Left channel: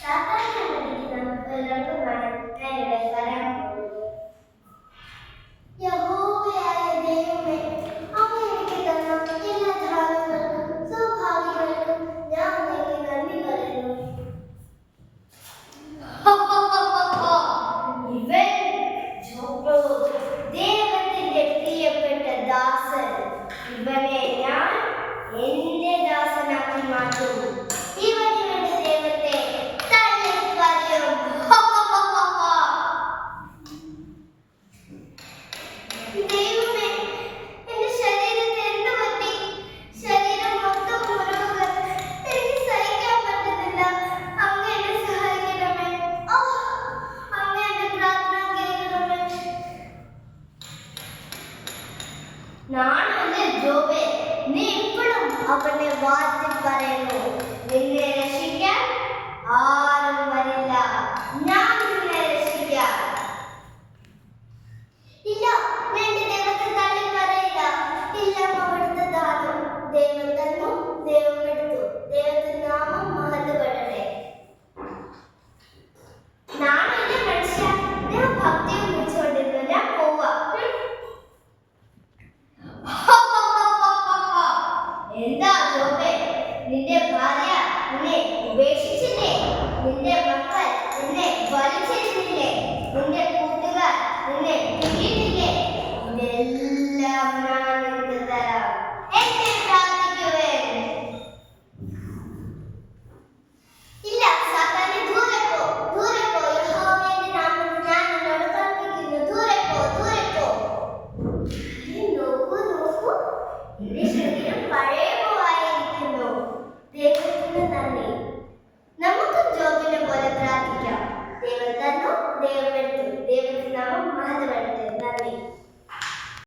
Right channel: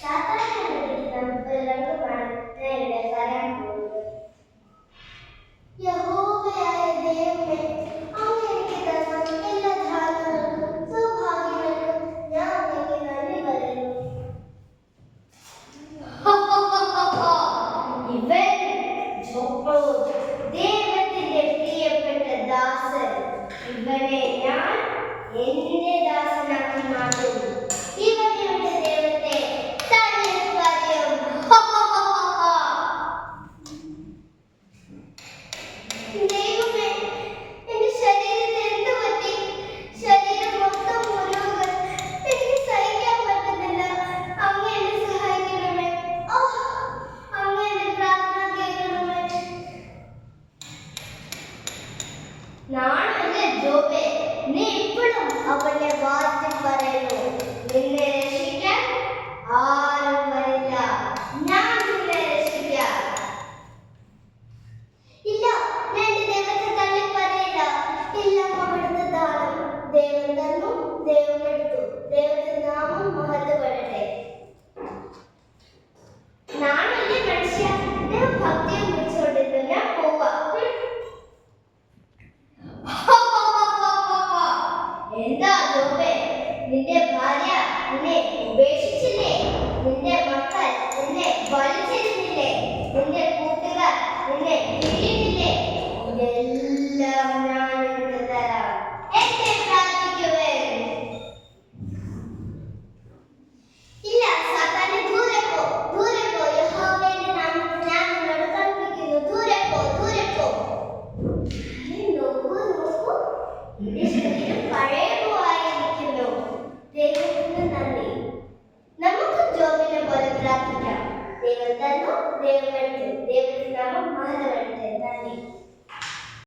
സാത്താനെ അനുവദിക്കുന്ന ഒരാൾക്കുമാണ് ഞാൻ ഇവിടെ പറയാൻ പോകുന്നത്. യഹോവയായ ദൈവമേ, അങ്ങ് എനിക്ക് തന്ന എല്ലാ ദാനങ്ങൾക്കും സൗഭാഗ്യങ്ങൾക്കും ഞാൻ അങ്ങേക്ക് നന്ദി പറയുന്നു. ഇവൻ ദൈവത്തിന്റെ പ്രിയപ്പെട്ട ദാസൻ. ഇവനെ ഞാൻ എന്റെ ദാസനാക്കി മാറ്റും. ഇവൻ ഇവന്റെ ദൈവത്തെ തള്ളിപ്പറയും. ദൈവമേ, എന്റെ ശരീരത്തെ എന്ത് പറ്റി? ശരീരം മൊത്തം മുറിവുകൾ. എനിക്ക് സഹിക്കാൻ പറ്റുന്നില്ല. അങ്ങ് എന്നെ സഹായിക്കണമേ. അങ്ങ് എന്റെ പ്രാർത്ഥന കേൾക്കണമേ. നാണല്ലേ ജോബേ, നീ ഇപ്പോഴും അവനെ വാഴ്ത്തി പറയുന്നു. നിന്നെ രക്ഷിക്കാൻ ആരും വരില്ല. ഞാൻ നിന്നെ രക്ഷിക്കാം. ഇല്ല, ഞാൻ എന്റെ ദൈവത്തെ തള്ളി പറയില്ല. എല്ലാം അവിടുത്തെ ദാനം. ദൈവം തന്നു, ദൈവം എടുത്തു. ദൈവത്തിന്റെ നാമം മഹത്വപ്പെടട്ടെ. നാണല്ലേ മനുഷ്യ, ദൈവം ഭക്തിയും വിളിച്ചുകൊണ്ടിരുന്നു. ഞാൻ പോവാ. എന്താ ജോബേ, നിന്റെ ഭാര്യ നിന്നെ ഉപേക്ഷിച്ചില്ലേ? നിന്റെ മക്കൾ നിന്നെ വലിച്ചെറിഞ്ഞില്ലേ? നിന്റെ കൂട്ടുകാർ നിന്നെ പിരിഞ്ഞില്ലേ? ഇതെല്ലാം ഞാൻ നിനക്ക് തരാം. എന്നെ പ്രാർത്ഥിക്കുവേൻ. ഇല്ല സാത്താനെ, ദൂരെ പോ, ദൂരെ പോ. യഹോവയുടെ നാമത്തിൽ ഞാൻ നിന്നോട് കൽപ്പിക്കുന്നു, ദൂരെ പോ, ദൂരെ പോ. നോക്കൂ നോക്കൂ, എന്റെ ശരീരം പഴയ പോവായിരിക്കുന്നു. ദൈവത്തിന് നന്ദി. നമുക്ക് ജോബിനെ പോലെ പ്രാർത്ഥിക്കാം. ദൈവം തന്നു, ദൈവം എടുത്തു. ദൈവത്തിന്റെ നാമം